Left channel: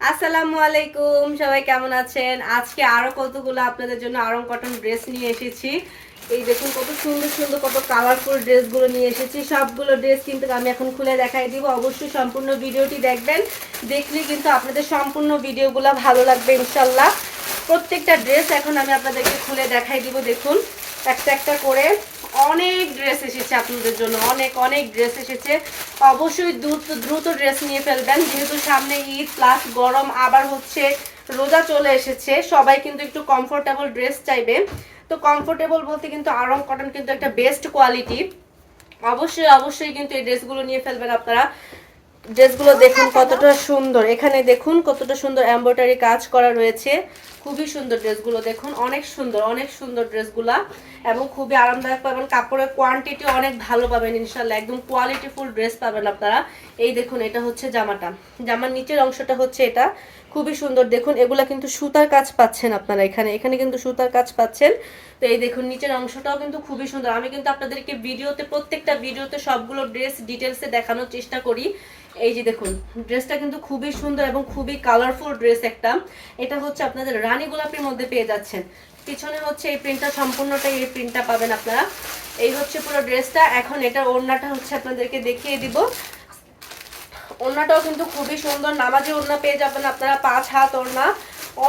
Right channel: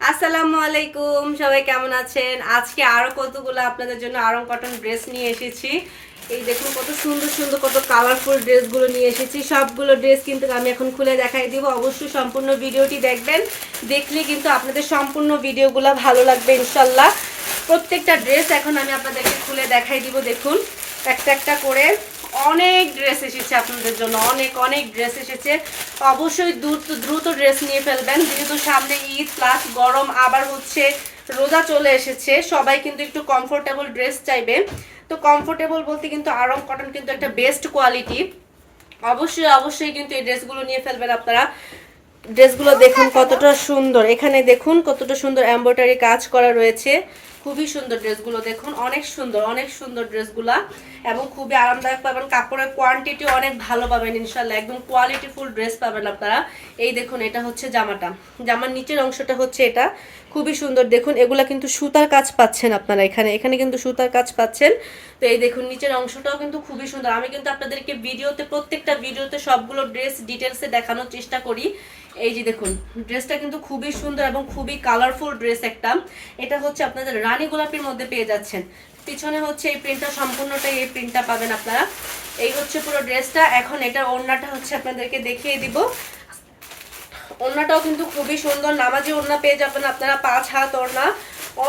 আসসালামু আলাইকুম, সবাই কেমন আছেন? আজকে আরো কতগুলো আপনাদের জন্য আরং কটন ড্রেস নিয়ে এসেছি। এই দেখুন কত সুন্দর সুন্দর কত কালারফুল ড্রেসগুলো নিয়ে এসেছি। সবগুলো ড্রেস কিন্তু আমি এখন খুলে দেখাই দিব। অবশ্যই সম্পূর্ণ ভিডিওটি দেখবেন, দেখলে কিন্তু আপনাদের সম্পূর্ণ ভিডিওগুলো ভালো লাগবে ইনশাল্লাহ। প্রত্যেকটা ড্রেস এখন আমি আপনাদেরকে খুলে দেখাই দিব। দেখুন একটা একটা করে অনেক ড্রেস এসেছে আপনাদের জন্য, অনেক অনেক ড্রেস এসেছে। অবশ্যই দ্রুত দ্রুত ড্রেস নিয়ে ফেলবেন, যেহেতু সামনে ঈদ প্লাস গরম, আবার হচ্ছে রোজা চলে এসেছে। সবাই কিন্তু একটু কমফোর্টেবল ড্রেস চাইবে। তো কমফোর্টেবল বলতে কিন্তু আরং কটন কিন্তু একটা বেস্ট কোয়ালিটি। অবশ্যই অবশ্যই কিন্তু এই ড্রেসগুলো নিয়ে ফেলবেন আপনারা। ড্রেসগুলো দেখুন কতটা সুন্দর, এখানে দেখুন কতটা সুন্দর এমব্রয়ডারি কাজ করা রয়েছে। খুবই সুন্দর ড্রেসগুলো দেখুন, অনেক সুন্দর অনেক সুন্দর ড্রেসগুলা, এবং খুবই আরামদায়ক পাবেন। কাপড়ের কোয়ান্টিটি অনেক ভালো পাবেন ইনশাল্লাহ, একদম কোয়ালিটিফুল ড্রেস পাবেন আপনারা। এই দেখুন এটা হচ্ছে জামাটা, জামার নিচের অংশটা হচ্ছে এটা, খুবই সুন্দর। দেখুন এগুলা কিন্তু সুতার কাজ পাচ্ছেন আপনারা, এখানে এখানে কিন্তু সুতার কাজ পাচ্ছেন। তো এই দেখুন নিচের অংশটাও কিন্তু খুবই সুন্দর। আমি কিন্তু আপনাদেরকে ভিডিওতে প্রত্যেকটা ভিডিওতে সবগুলো ড্রেস ডিটেলসে দেখানোর চেষ্টা করি। এই যে দেখুন ড্রেসটা কিন্তু খুবই সুন্দর এবং খুবই কালারফুল ড্রেস একটা। এটা হচ্ছে আপনাদের রানী গোলাপির মধ্যে পেয়ে যাচ্ছেন। পিছনে হচ্ছে এই প্রিন্টটা, সম্পূর্ণটাই এই প্রিন্টটা পাবেন আপনারা। এই হচ্ছে পুরো ড্রেসটা। এখন এটা ওড়নাটা হচ্ছে আপনাদেরকে দেখিয়ে দিব। ওড়নাটাও কিন্তু খুবই সুন্দর, নামাজি ওড়না পেয়ে যাবেন আপনারা, 5 হাত ওড়না,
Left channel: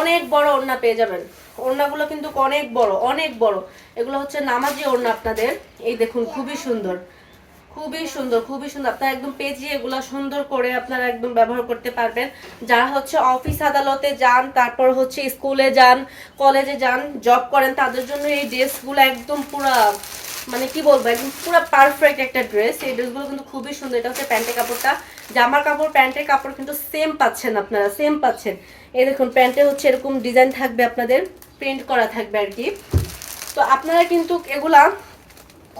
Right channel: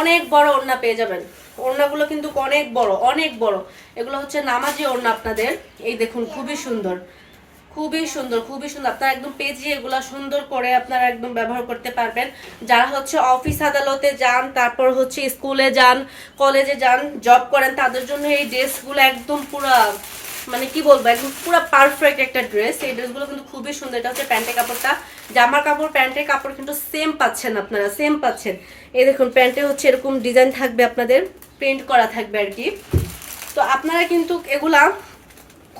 অনেক বড় ওড়না পেয়ে যাবেন। ওড়নাগুলো কিন্তু অনেক বড় অনেক বড়, এগুলো হচ্ছে নামাজি ওড়না আপনাদের। এই দেখুন খুবই সুন্দর, খুবই সুন্দর খুবই সুন্দর। আপনারা একদম পেজিয়ে এগুলা সুন্দর করে আপনারা একদম ব্যবহার করতে পারবেন। যারা হচ্ছে অফিস আদালতে যান, তারপর হচ্ছে স্কুলে যান, কলেজে যান, জব করেন, তাদের জন্য এই ড্রেসগুলো একদম পুরা, মানে কি বলবো, একদম পুরো পারফেক্ট একটা ড্রেস। এই ড্রেসগুলো কিন্তু খুবই সুন্দর। এটা হচ্ছে প্যান্টের কাপড়টা, জামার কাপড় প্যান্টের কাপড় কিন্তু সেম পাচ্ছেন আপনারা, সেম পাচ্ছেন। এই দেখুন প্যান্টে হচ্ছে এরকম ডিজাইন থাকবে আপনাদের, প্রিন্ট করা থাকবে আর কি। তো আপনারা কিন্তু এগুলা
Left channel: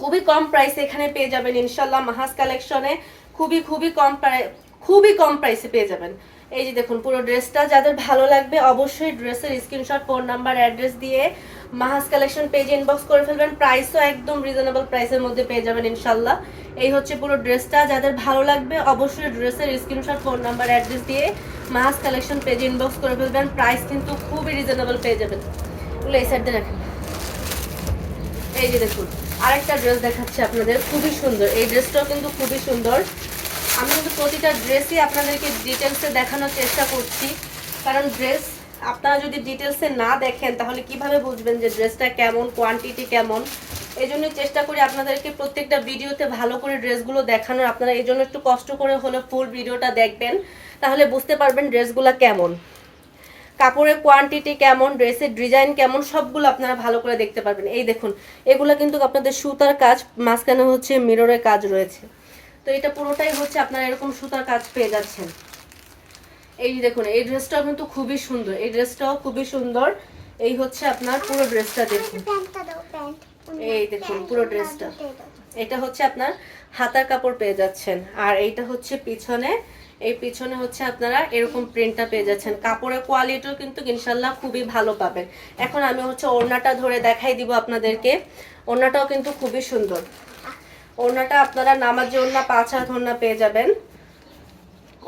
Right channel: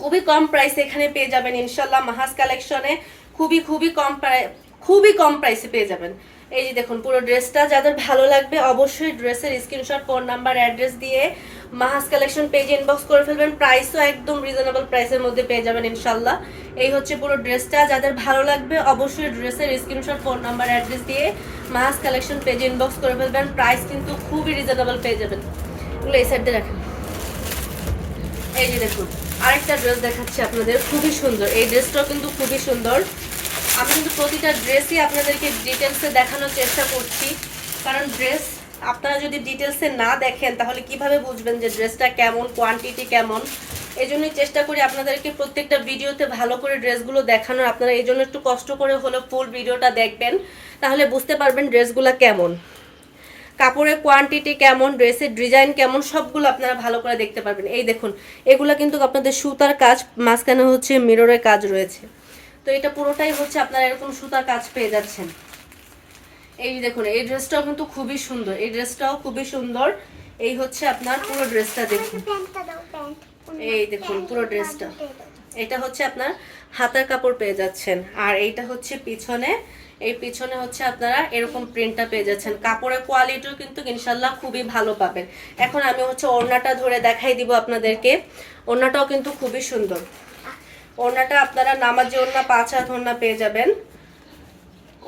খুবই কম প্রাইসে এখানে পেয়ে যাবেন ইনশাল্লাহ। মাহাজ কালেকশনে খুবই খুবই কম খুবই কম প্রাইসে পেয়ে যাবেন। এই যে দেখুন পুরো ড্রেসটা, যাদের ভালো লাগবে অবশ্যই ড্রেসের স্ক্রিনশট, ফোন নাম্বার, অ্যাড্রেস দিয়ে মাহাজ কালেকশন পেজে ইনবক্স করে ফেলবেন। প্রাইসও একদম রিজনেবল প্রাইসের মধ্যে পেয়ে যাবেন ইনশাল্লাহ। এই হচ্ছে পুরো ড্রেসটা, যাদের ভালো লাগবে অবশ্যই ড্রেসের স্ক্রিনশট, ফোন নাম্বার, অ্যাড্রেস দিয়ে মাহাজ কালেকশন পেজে ইনবক্স করে ফেলবেন। প্রাইস কিন্তু খুবই রিজনেবল পেয়ে যাবেন। এগুলো এই সাইড দিয়ে রাখেন। এই যে দেখুন আরেকটা ড্রেস দেখাচ্ছি আপনাদের, খুবই সুন্দর। এই ড্রেসটাও কিন্তু খুবই সুন্দর। আমি কিন্তু প্রতিটা ড্রেসই আপনাদেরকে ডিটেলসে দেখানোর চেষ্টা করছি, কারণ ড্রেস আপনারা যদি ডিটেলসে না দেখেন তাহলে কিভাবে বুঝবেন যে ড্রেসটা কেমন, কোয়ান্টিটি কেমন। এই জন্যই চেষ্টা করি আপনাদেরকে প্রত্যেকটা ভিডিওতে ভালো করে ড্রেসগুলো দেখানোর। আপনারা এই জন্য একটু কষ্ট করে হলো ফুল ভিডিওটা দেখবেন, তাহলে বুঝতে পারবেন ড্রেসগুলো কেমন, কাপড়ের কোয়ান্টিটি কেমন, ড্রেসের ডিজাইন কেমন, সবগুলো আপনারা ভালো করে দেখতে পারবেন। এই দেখুন এগুলো কিন্তু আপনাদের সুতার কাজ, মাঝখানে হচ্ছে মিররের কাজ রয়েছে। তো এটা পুরোটাই হচ্ছে আপনারা এরকম সুতার কাজ পেয়ে যাচ্ছেন। এই দেখুন এই ড্রেসটাও কিন্তু খুবই সুন্দর, এই ড্রেসটাও খুবই সুন্দর। এই হচ্ছে আপনার পুরো ড্রেসটা দেখুন, এই দেখুন পুরো ড্রেসটা। এটা হচ্ছে আপনার হাতার কাপড় পেয়ে যাচ্ছেন, আর এইটা হচ্ছে পিছনে। এই পিছনে হচ্ছে আপনারা এরকম প্রিন্টটা পেয়ে যাচ্ছেন। কাপড়ের কোয়ালিটিও কিন্তু ইনশাল্লাহ খুবই ভালো পাবেন। এখন আমি হচ্ছে ওড়নাটা ধরে দেখাই দিব আপনাদেরকে। ওড়নাটাও কিন্তু খুবই সুন্দর। ওড়নাটা আপনারা নামাজি ওড়না, 5 হাত ওড়না পেয়ে যাবেন।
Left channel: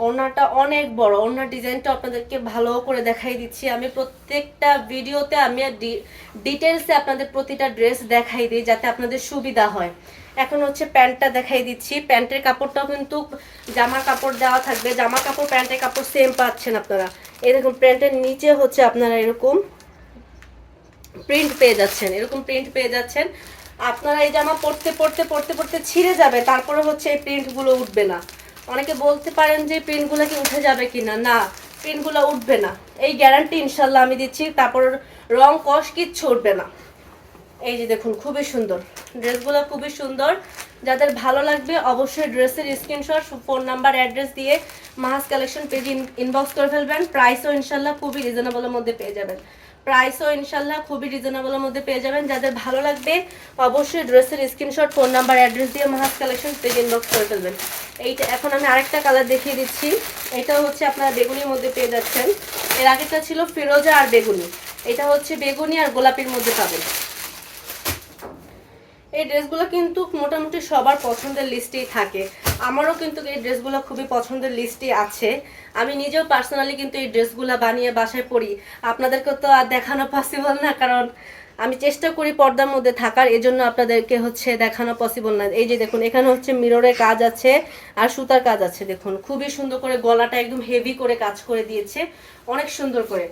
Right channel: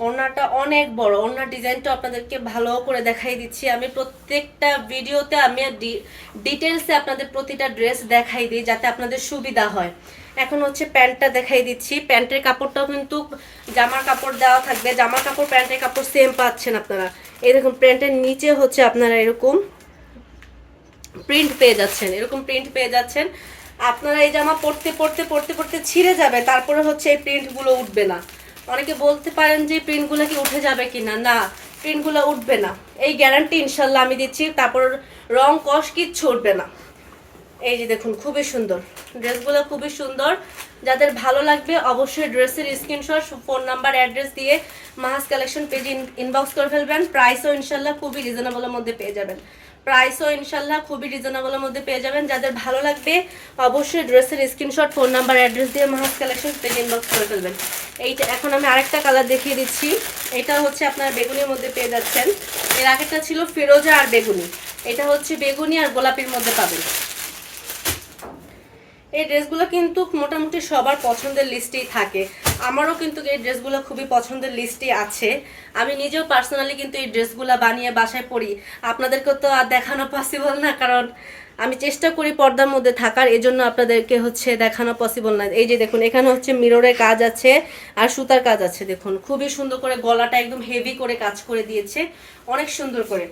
ওড়নাটা অনেক বড়, ওড়নার ডিজাইনটা আপনাদেরকে ভালো করে দেখাই দিচ্ছি। আমি প্রত্যেকটা ভিডিওতে আমি ডিটেলসে আপনাদের প্রতিটা ড্রেস দেখাই দিই, যাতে আপনাদের সুবিধা হয়। এখন হচ্ছে প্যান্টটা দেখাই দিচ্ছি। প্যান্টের কাপড়টাও কিন্তু জামার কাপড় দেওয়া থাকবে, জামার কাপড় প্যান্টের কাপড় সেম পাচ্ছেন আপনারা। এই দেখুন প্যান্টের নিচে হচ্ছে আপনারা এরকম প্রিন্ট পেয়ে যাচ্ছেন, এরকম প্রিন্ট পেয়ে যাচ্ছেন। আপনারা এই জামা পরতে পরতে পরতে পরতে ছিঁড়ে যাবে, তারপরে হচ্ছে এই প্রিন্টগুলো উঠবে না। অনেকে বলতে পারেন যে প্রিন্টগুলো কি উঠে যাবে কিনা, না, প্রিন্টগুলো উঠবে না, এই গ্যারান্টি ইনশাল্লাহ আমি দিচ্ছি। তারপর রং কস কিচ্ছু উঠবে না। এই যে দেখুন খুবই সুন্দর ড্রেসগুলো, খুবই সুন্দর। যাদের ভালো লাগবে অবশ্যই ড্রেসের স্ক্রিনশট, ফোন নাম্বার, অ্যাড্রেস দিয়ে মাহাজ কালেকশন পেজে ইনবক্স করে ফেলবেন। প্রাইসও ইনশাল্লাহ খুবই রিজনেবলের মধ্যে পেয়ে যাবেন, প্রাইসও ইনশাল্লাহ খুবই রিজনেবলের মধ্যে পেয়ে যাবেন। যাদের ভালো লাগবে অবশ্যই ড্রেসের স্ক্রিনশট, ফোন নাম্বার, অ্যাড্রেস দিয়ে মাহাজ কালেকশন পেজে ইনবক্স করে ফেলবেন। এইটা এখন আমি আরেকটা কালার দেখিয়ে দিচ্ছি। এটা হচ্ছে আপনারা বেগুনির মধ্যে পেয়ে যাচ্ছেন। এর আগেরটা ছিল ফিরোজা আর বেগুনি, এটা হচ্ছে বেগুনি আর গোলাপির মধ্যে পাবেন। এই ড্রেসগুলো কিন্তু মোটামুটি সবার পছন্দের লিস্টেই থাকে। আমারও কিন্তু এই ড্রেসগুলো খুবই পছন্দের লিস্টে আছে। আমি নিজেও পার্সোনালি কিন্তু এই ড্রেসগুলো বানিয়ে বাসায় পরি। আপনাদেরকে তো আর দেখানো পসিবল না, কারণ আমি চেষ্টা করি পর্দার মধ্যে থাকার, এজন্য আপনাদেরকে হচ্ছে দেখানো পসিবল না। এই যে দেখুন, এখানে হচ্ছে মিররের কাজ আছে আর সুতার কাজ আছে। দেখুন খুবই সুন্দর করে গলাটা একদম হেভি করে কাজ করে দিয়েছে, অনেক সুন্দর করে।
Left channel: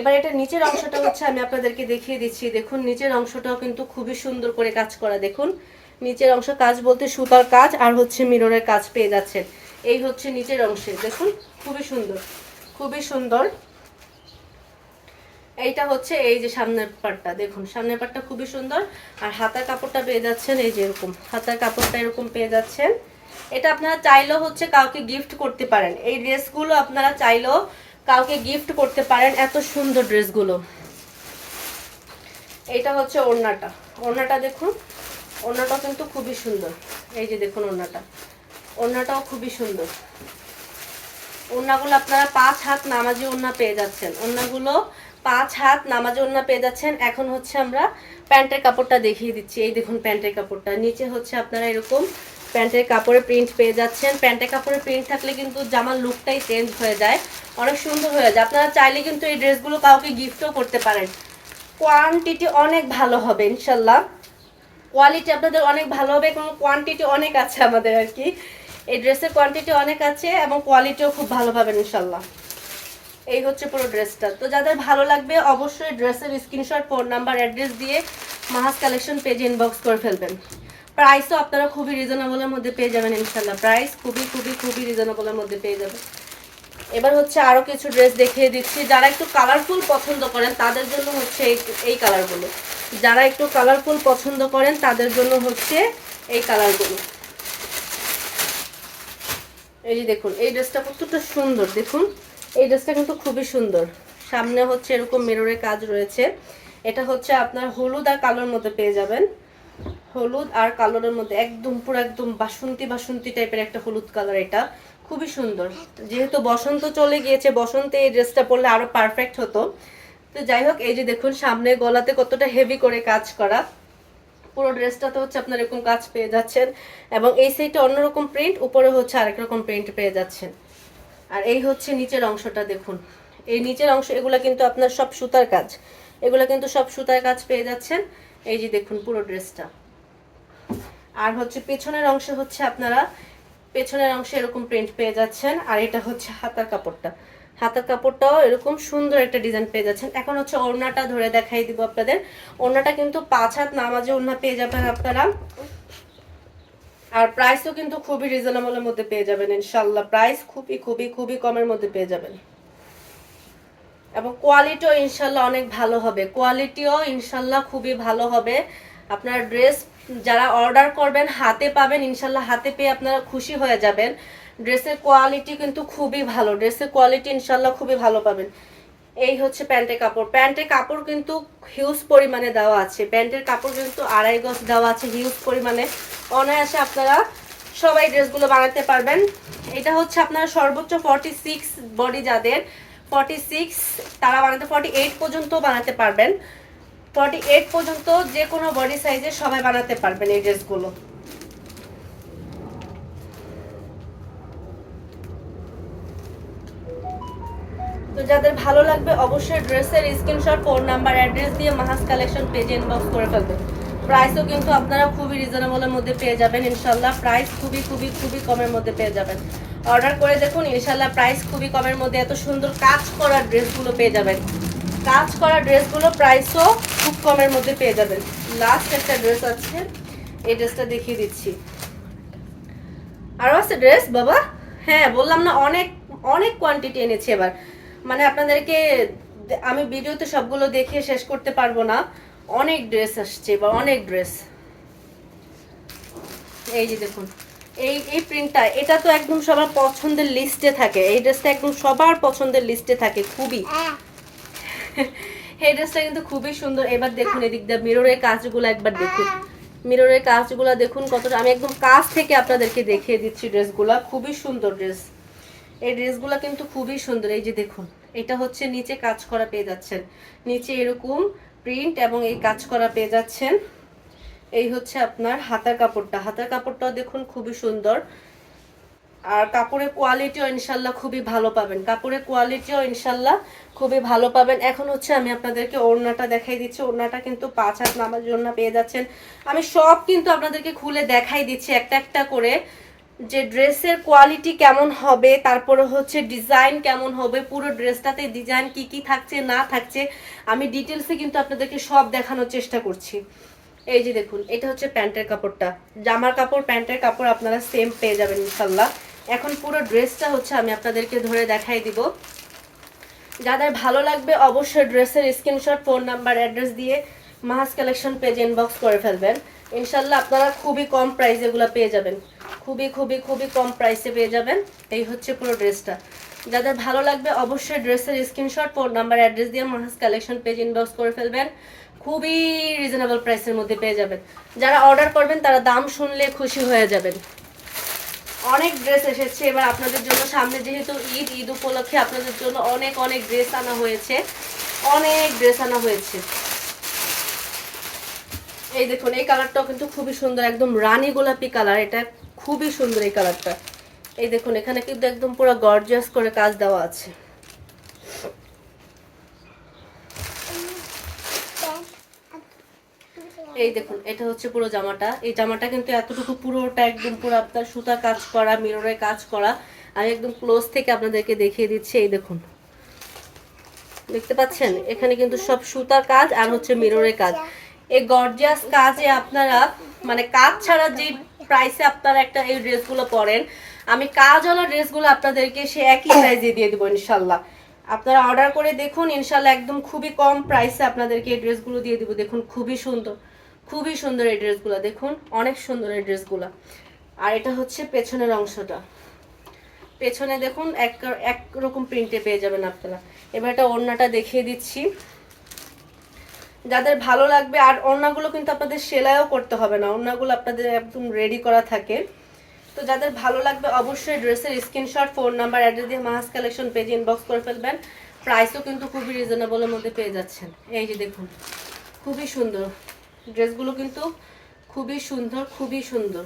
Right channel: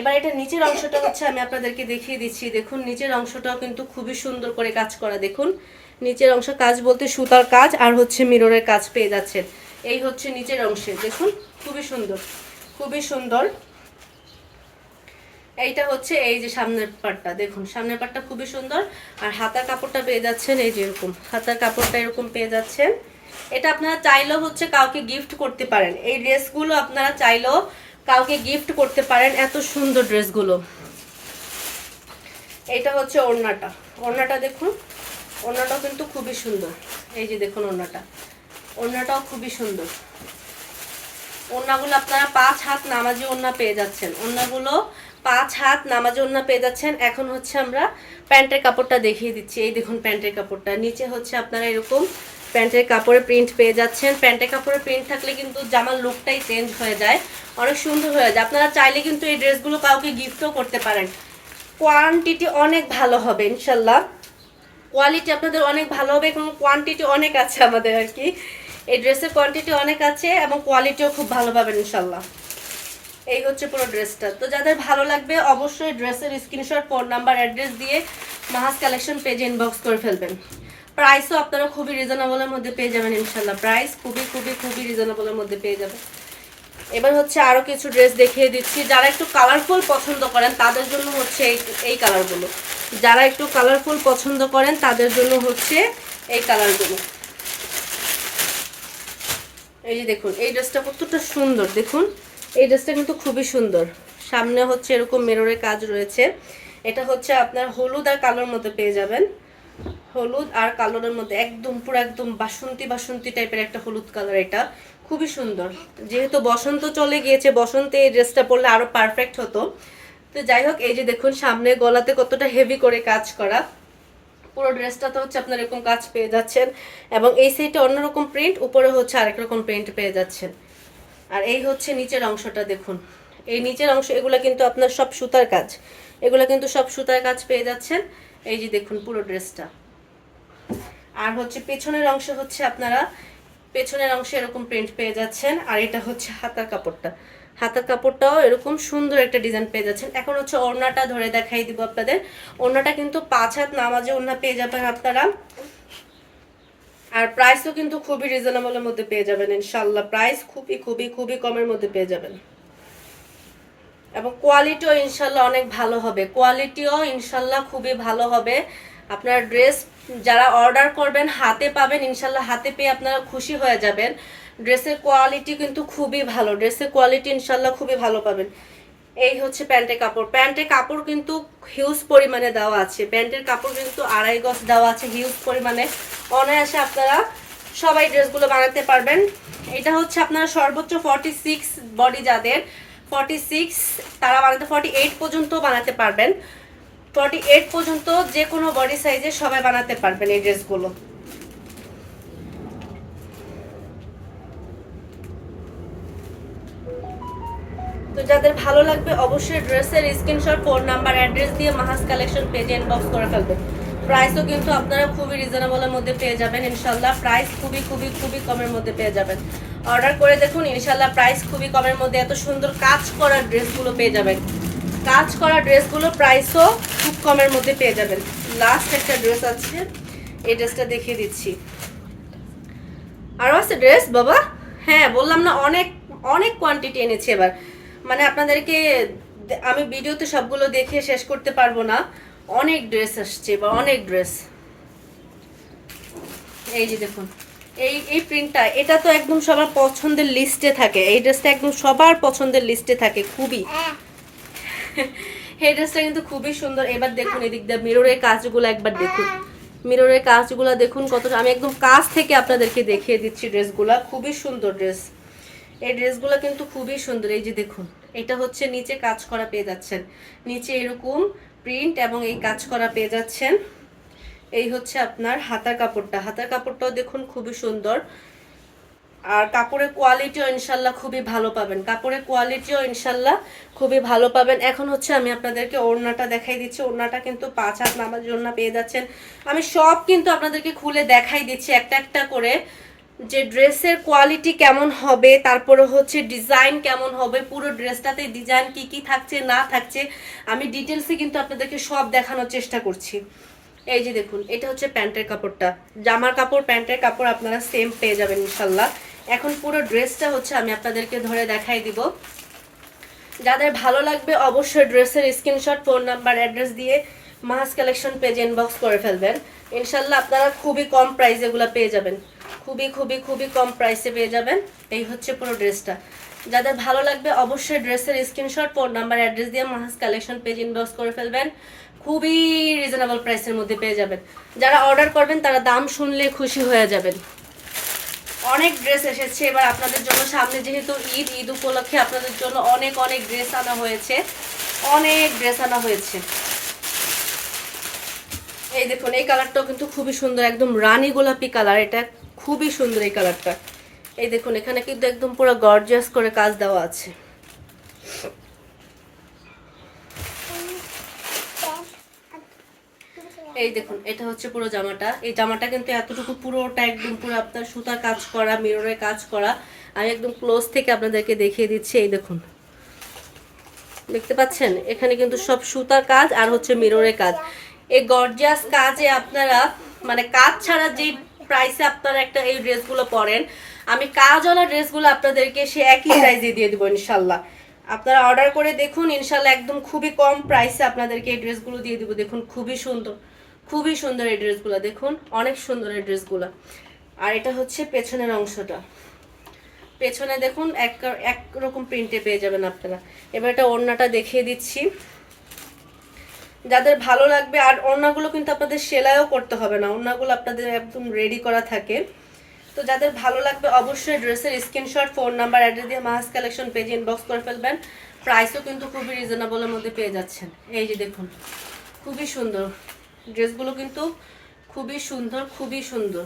এবার এটা নিচের অংশটা হচ্ছে আমি আপনাদেরকে দেখিয়ে দিচ্ছি। দেখুন নিচের অংশটাও কিন্তু খুবই সুন্দর করে কাজ করা। দেখুন নিচের অংশ কাজ বলতে সুতার কাজ আর হচ্ছে মিররের কাজ পেয়ে যাচ্ছেন। এই হচ্ছে নিচের অংশে, দেখুন খুবই সুন্দর, খুবই সুন্দর। এইটা হচ্ছে এই যে সামনের পাটটা, দেখুন সামনের পাটটা খুবই সুন্দর। আর হাতার কাপড়টা পেয়ে যাচ্ছেন এই যে এরকম, হাতার কাপড়টা এরকম পেয়ে যাচ্ছেন। এটা আপনারা চাইলেও হচ্ছে কাউকে গিফট করতে পারেন। এই ড্রেসগুলো আপনারা চাইলেও কাউকে গিফট করতে পারেন, এত সুন্দর ড্রেসগুলো। এইটা হচ্ছে ওড়নাটা, ওড়নাটা দেখুন, ওড়নাটাও কিন্তু খুবই সুন্দর। এই যে দেখুন ওড়নাটা, ওড়নাটাও খুবই সুন্দর। ওড়নাগুলো আপনারা 5 হাত নামাজি ওড়না পেয়ে যাচ্ছেন, ওড়নাগুলো 5 হাত নামাজি ওড়না পেয়ে যাচ্ছেন। এখন হচ্ছে আমরা প্যান্টের কাপড়টা দেখিয়ে দিচ্ছি। এই দেখুন প্যান্টের কাপড়টা, নিচে হচ্ছে আপনারা এরকম প্যান্টের কাপড়ে প্রিন্ট পেয়ে যাচ্ছেন। প্যান্টের কাপড়ে প্রিন্ট থাকলে কিন্তু জামার লুকটাই চেঞ্জ হয়ে যায়, অনেক সুন্দর হয়ে যায়। আপনারা চাইলে কিন্তু এই ড্রেসগুলো কাউকে গিফটও করতে পারেন। কোয়ান্টিটি অনেক ভালো হবে ইনশাল্লাহ, কোয়ালিটি আপনাদের অনেক ভালো হবে এবং কোয়ান্টিটি অনেক আছে আমাদের আর কি। এই ড্রেসের কোয়ান্টিটি অনেক আছে এবং কোয়ালিটিও খুব ভালো পাবেন ইনশাল্লাহ। এই হচ্ছে পুরো ড্রেসটা। তো যাদের ভালো লাগবে অবশ্যই ড্রেসের স্ক্রিনশট, ফোন নাম্বার, অ্যাড্রেস দিয়ে মাহাজ কালেকশন পেজে ইনবক্স করে ফেলবেন। প্রাইসও আপনারা খুবই রিজনেবলের মধ্যে পেয়ে যাবেন ইনশাল্লাহ, প্রাইস খুবই খুবই খুবই রিজনেবলের মধ্যে পেয়ে যাবেন। এবার হচ্ছে আরও কিছু ড্রেস দেখিয়ে দিচ্ছি। যারা একটু কালারফুল পছন্দ করেন তাদের জন্য হচ্ছে এই কালারগুলো, যারা একটু কালারফুল পছন্দ করেন তাদের জন্য হচ্ছে এই কালারগুলো। এই যে দেখুন এই ড্রেসটা কতটা সুন্দর, দেখুন এই ড্রেসটা কিন্তু খুবই সুন্দর। সামনে হচ্ছে এরকম মিররের কাজ রয়েছে। এটা হচ্ছে আপনার হলুদ আর কালোর মধ্যে পেয়ে যাবেন, হলুদ আর কালোরের মধ্যে একদম পুরো একদম বাসন্তী বাসন্তী টাইপের একটা হলুদ কালার। এটা খুবই সুন্দর। যেহেতু বসন্ত চলে গিয়েছে, বসন্তে এই ড্রেসটা পরলে আরো পারফেক্ট হতো। তো যাই হোক, এই যে দেখুন সামনে গলাতে কতটা হেভি করে কাজ করা। পুরো ড্রেসটা তো হচ্ছে আপনার এরকম কাজ পেয়ে যাচ্ছেন এবং এই সাইডে অন্যরকম প্রিন্ট, উপরে হচ্ছে আরেক রকম প্রিন্ট পেয়ে যাচ্ছেন। আর এই হচ্ছে নিচের অংশটা, দেখুন এই নিচের অংশ, এগুলা কিন্তু আপনার সব সুতার কাজ, এগুলা কিন্তু সব সুতার কাজ পেয়ে যাচ্ছেন। এই যে দেখুন পুরো ড্রেসটা। আর হচ্ছে পেছনের অংশে হচ্ছে আপনারা পেছনের অংশে এরকম প্রিন্ট পেয়ে যাচ্ছেন। আর এটা হচ্ছে হাতার কাপড়টা, হাতার কাপড়টাও এরকম সুন্দর একটা ডিজাইন পেয়ে যাচ্ছেন। এখন হচ্ছে ওড়নাটা ধরে দেখাই দিব আপনাদের। ওড়নাটা কিন্তু 5 হাত নামাজে ওড়না পেয়ে যাবেন আপনারা। আর প্রাইসও কিন্তু খুবই রিজনেবলের মধ্যে পেয়ে যাবেন ইনশাল্লাহ, প্রাইস খুবই খুবই খুবই কমের মধ্যে পেয়ে যাবেন এবং কোয়ালিটিও ইনশাল্লাহ অনেক ভালো হবে, কোয়ালিটিও ইনশাল্লাহ খুবই ভালো হবে। আপনারা ড্রেস যারা অর্ডার করবেন হাতে পাবেন ইনশাল্লাহ, হাতে পেয়ে আপনারা খুশি হয়ে যাবেন। ড্রেসের কোয়ালিটি কিন্তু খুবই ভালো, ড্রেসের কোয়ালিটি ইনশাল্লাহ খুবই ভালো পাবেন। এই হচ্ছে প্যান্টের কাপড়, প্যান্টের কাপড় কিন্তু হিউজ পরিমাণে দেওয়া আছে, প্যান্টের কাপড় কিন্তু 2.5 গজ দেওয়া আছে হিউজ পরিমাণে। অনায়াসে আপনারা সবাই ড্রেসগুলো বানাতে পারবেন। এটা হচ্ছে আপনারা সর্বোচ্চ 46 বডি যাদের 46 তারা বানাতে 48 পর্যন্ত বানাতে পারবেন, 48 পর্যন্ত যে কোনো বডি সাইজে সবাই বানাতে পারবেন এই ড্রেসগুলো। তো যাদের ভালো লাগবে অবশ্যই ড্রেসের স্ক্রিনশট, ফোন নাম্বার, অ্যাড্রেস দিয়ে মাহাজ কালেকশন পেজে ইনবক্স করে ফেলবেন। প্রাইসও কিন্তু আপনারা খুবই রিজনেবলের মধ্যে পেয়ে যাবেন ইনশাল্লাহ, প্রাইস খুবই খুবই খুবই কমের মধ্যে পেয়ে যাবেন। অর্ডার করে দেখুন ইনশাল্লাহ প্রাইস খুবই কমের মধ্যে এত সুন্দর কাজ করা ড্রেসগুলো পেয়ে যাবেন, কাজ করা ড্রেসগুলো প্রাইসও খুব কমের মধ্যে পেয়ে যাবেন। লাস্ট একটা ড্রেস আছে, এই ড্রেসটা দেখিয়ে দিচ্ছি। আরও আছে ড্রেস বাবা, হ্যাঁ বললাম না অনেক অনেক কোয়ান্টিটি এনেছি এবার, মানে আপনাদেরকে আমি ভিডিওতে সবগুলো দেখে শেষ করতে পারবো না, অনেক ড্রেস আসছে এবার, অনেক ড্রেস। এই যে দেখুন এই প্রিন্টটা, এটা তো একদম সবার পছন্দের লিস্টে থাকে, এই ড্রেসটা একদম সবার পছন্দের লিস্টে থাকে খুবই। এই ড্রেসটা কিন্তু খুবই সুন্দর। এবার দেখুন এদিক দিয়ে মিররের কাজগুলো একবার দেখুন, মিররের কাজগুলো দেখুন কতটা, আমি একদম কাছ থেকে আপনাদেরকে দেখিয়ে দিচ্ছি ড্রেসগুলা, খুবই সুন্দর ড্রেস। এই ড্রেসগুলো কিন্তু খুবই সুন্দর। এই যে দেখুন এটা হচ্ছে নিচে কাজ করা পেয়ে যাচ্ছেন, নিচে এরকম প্রিন্ট এবং এই কাজ করা পেয়ে যাচ্ছেন। এই হচ্ছে আপনার হাতার কাপড়টা, হাতার কাপড়টাও দেখুন খুবই সুন্দর। আর কাপড়ের কোয়ালিটিও ইনশাল্লাহ খুবই ভালো পাবেন, কাপড়ের কোয়ালিটিও ইনশাল্লাহ খুবই ভালো পাবেন। এখন হচ্ছে আমি আপনাদেরকে ওড়নাটা দেখাই দিচ্ছি। ওড়নাটা কিন্তু 5 হাত নামাজের ওড়না পেয়ে যাচ্ছেন। আমি সব কিন্তু আপনাদেরকে খুলে দেখাই দিচ্ছি একটা একটা করে, যে ড্রেসের কোয়ালিটি কেমন হবে, তারপরে হচ্ছে ডিজাইন কেমন হবে, পুরো ড্রেসটাতে ডিজাইন কি কি থাকছে না থাকছে আমি ডিটেলসে কিন্তু আপনাদেরকে সব দেখানোর চেষ্টা করছি। এই যে দেখুন, এটা হচ্ছে প্যান্টের কাপড়টা, জামার কাপড় প্যান্টের কাপড় আপনারা সেম পেয়ে যাবেন ইনশাল্লাহ। এখন পুরো ড্রেসটা হচ্ছে আমি আপনাদেরকে ধরে দেখাই দিব। যাদের ভালো লাগবে অবশ্যই ড্রেসের স্ক্রিনশট, ফোন নাম্বার, অ্যাড্রেস দিয়ে মাহাস কালেকশন পেজ ইনবক্স করে ফেলবেন। ইনশাল্লাহ আপনারা খুবই কম প্রাইসে এগুলো পেয়ে যাবেন, খুবই খুবই খুবই কম প্রাইসে পেয়ে যাবেন। এই হচ্ছে পুরো ড্রেসটা। যাদের ভালো লাগবে অবশ্যই ড্রেসের স্ক্রিনশট, ফোন নাম্বার, অ্যাড্রেস দিয়ে মাহাস কালেকশন পেজ ইনবক্স করে ফেলবেন। খুবই রিজনেবল প্রাইসের মধ্যে পেয়ে যাবেন। যারা অর্ডার করবেন তারা দাম শুনলে খুশি হয়ে যাবেন। অনেক ড্রেস এসেছে এবার আপনাদের জন্য, সামনে যেহেতু ঈদ, ঈদ উপলক্ষে আপনাদের জন্য অনেক অনেক ড্রেস আনা হয়েছে, অনেক ড্রেস আনা হয়েছে। এই দেখুন, এই কালারটাও কিন্তু খুবই সুন্দর, একদম রানী গোলাপি কালার, এটা খুবই সুন্দর এই কালারটা। এই দেখুন, এখানে কিন্তু একদম পুরো গর্জিয়াস করে কাজ দেওয়া আছে। এই দেখুন, এটা হচ্ছে পুরো জামাটা। এই জামাটা কিন্তু এতটুকু পুরোটা একদম পুরো আপনার সুতা কাজ করা, মিররের কাজ করা। আমি একদম ক্লোজ থেকে আপনাদেরকে দেখিয়ে দিচ্ছি। এই দেখুন, দেখতে পাচ্ছেন এখানে কিন্তু সব সুতার কাজ আর হচ্ছে মিররের কাজ। এই গর্জিয়াস কাজে আপনারা মানে কাজ ছাড়া যে প্রাইসে আপনারা একটা এই ড্রেসগুলো পরেন, আমি কাজওয়ালা ড্রেসগুলো আপনাদেরকে সে একই প্রাইসে দিয়ে দেবো ইনশাল্লাহ। আপনারা অর্ডার করে দেখুন ইনশাল্লাহ, একদম খুবই কম প্রাইসে আপনাদেরকে এই ড্রেসগুলো দিয়ে দেবো। দেখুন খুবই সুন্দর, খুবই সুন্দর এই ড্রেসগুলো, দেখুন অনেক সুন্দর এই ড্রেসগুলো। আর এটা হচ্ছে পেছনের অংশটা, পেছনে দেখুন এক রকম প্রিন্টে পেয়ে যাবেন আপনারা। এবার এটা ওড়নাটা দেখিয়ে দিচ্ছি। যাদের ভালো লাগবে, আর ওড়নাগুলো কিন্তু আপনাদের সেলাইও করতে হবে না, ওড়নাগুলো আপনাদের একদম রেডি করা থাকে। তো যাদের ভালো লাগবে অবশ্যই ড্রেসের স্ক্রিনশট, ফোন নাম্বার, অ্যাড্রেস দিয়ে মাহাস কালেকশন পেজ ইনবক্স করে ফেলবেন। প্রাইসও কিন্তু খুবই রিজনেবলের মধ্যে পেয়ে যাচ্ছেন। এই যে দেখুন, খুবই সুন্দর ড্রেসগুলো, কিন্তু খুবই সুন্দর, খুবই সুন্দর।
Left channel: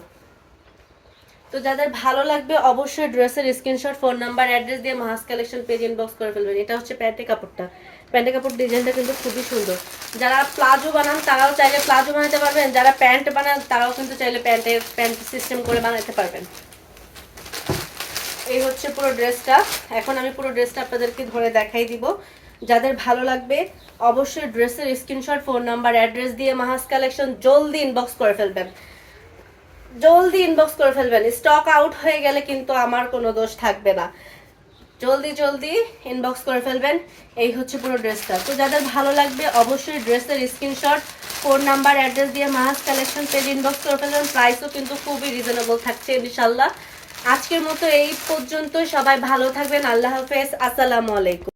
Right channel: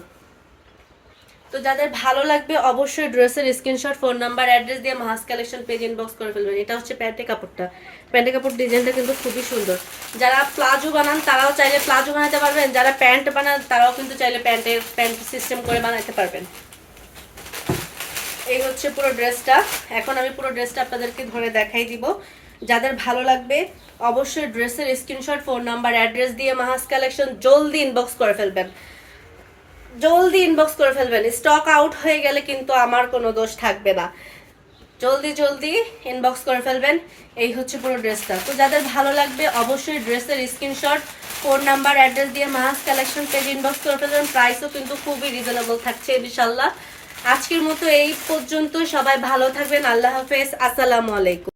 তো যাদের ভালো লাগবে অবশ্যই ড্রেসের স্ক্রিনশট, ফোন নাম্বার, অ্যাড্রেস দিয়ে মাহাস কালেকশন পেজ ইনবক্স করে ফেলবেন। এটা হচ্ছে প্যান্টের কাপড়টা, প্যান্টের কাপড় ডিজাইনটা কিন্তু খুবই সুন্দর। যারা প্লাজো বানান তারাও চাইলে প্লাজো বানাতে পারবেন, যারা প্যান্ট বানান তারাও কিন্তু চাইলে প্যান্ট সিস্টেম করে বানাতে পারবেন। এই হচ্ছে পুরো ড্রেসটা। এখন আমি পুরো ড্রেসটা আপনাদেরকে ধরে দেখাই দিব। যাদের ভালো লাগবে অবশ্যই ড্রেসের স্ক্রিনশট, ফোন নাম্বার, অ্যাড্রেস দিয়ে মাহাস কালেকশন জলদি ইনবক্স করে ফেলবেন, জলদি ইনবক্স করে ফেলবেন। স্টক আউট হয়ে গেলে কিন্তু আমার কোনো দোষ থাকবে না, জলদি জলদি ইনবক্স করে ফেলবেন। এই হচ্ছে পুরো ড্রেসটা। তো যাদের ভালো লাগবে অবশ্যই ড্রেসের স্ক্রিনশট, ফোন নাম্বার, অ্যাড্রেস দিয়ে মাহাস কালেকশন পেজ ইনবক্স করে ফেলবেন। প্রাইসও কিন্তু খুবই রিজনেবল থাকছে ইনশাল্লাহ। আজকের মতো এই পর্যন্ত, সবাই ভালো থাকবেন। আল্লাহ হাফেজ, আসসালামু আলাইকুম।